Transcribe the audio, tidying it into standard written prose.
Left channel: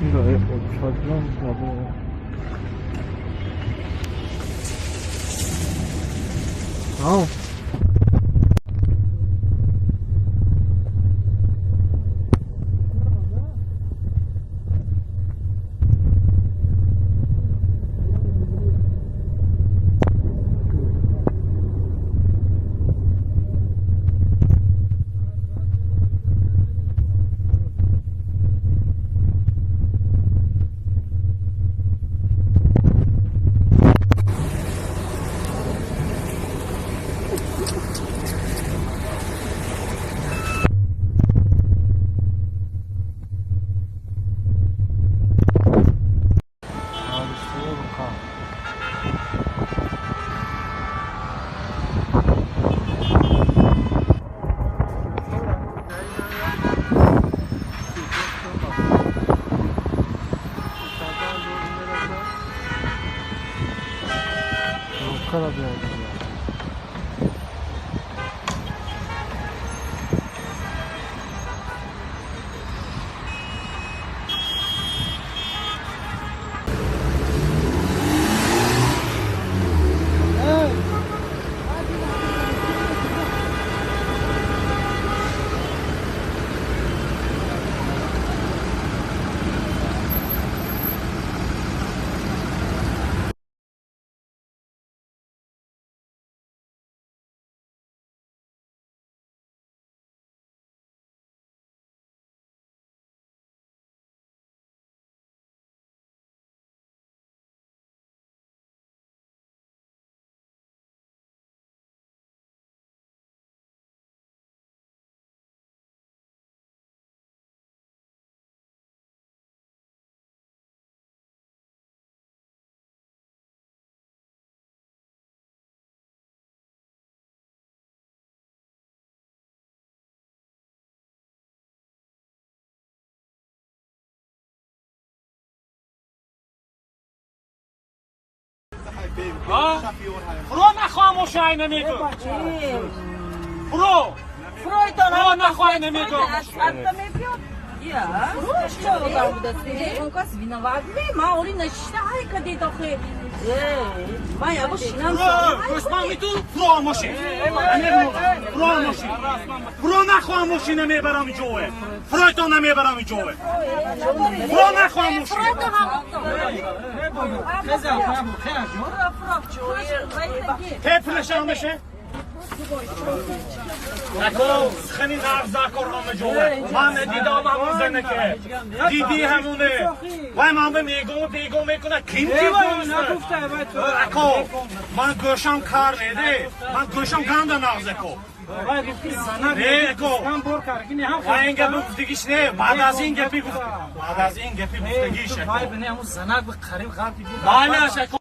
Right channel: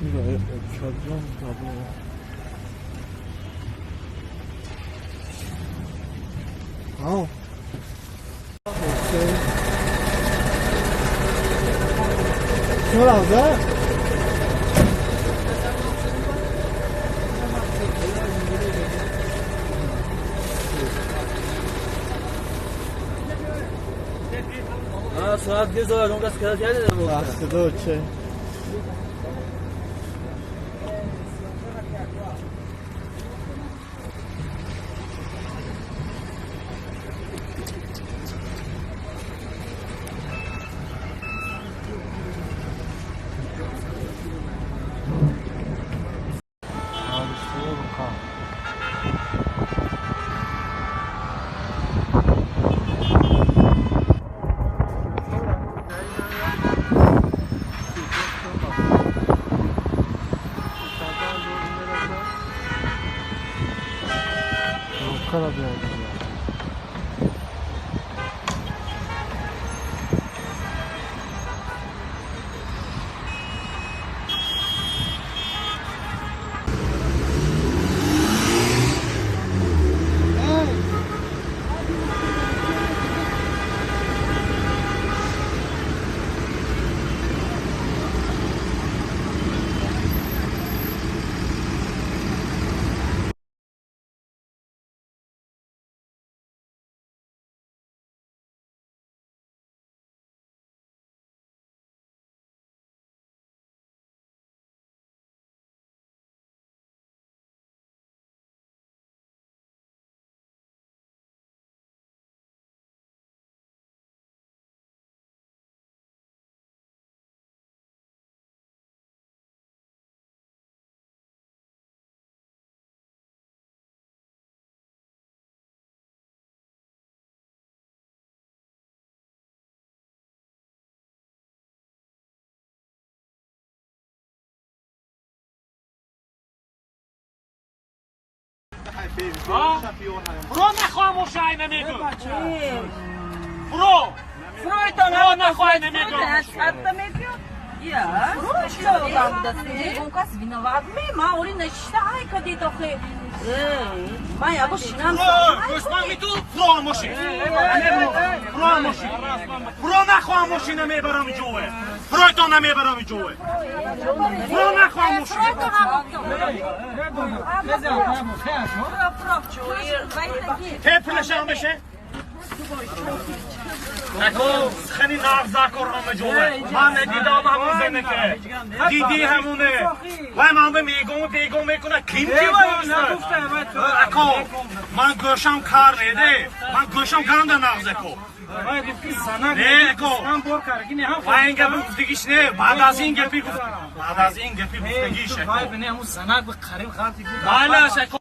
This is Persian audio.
이거 어디서 가보. 아우. 오케이. 시원하다. ساعت بذار اون کسی که کرده بود صدا چه karabiyaydı ya. برو نخواموش اینه نگو برو نخواه نمیگو Я? Что там, да ты? Он кас виноват. Ма, ори нечто, ай, къде дохе. Ма, я бош нам برو نخواه ماشین میبرم جوه برو نمیبرم جوه برو نخواه ماشین تپلش هم بشه نکو خیلی نغزه کرمه جوه من دیدم همون زنه که دیدی همونه و من به میگم میکنه کیم کی باید اکو من گوشم کار نیده من گوشم گنده نغزه کو نه اکو و این گپی گفتگیش نه بعد از این گپی گفتگیشه بله اکو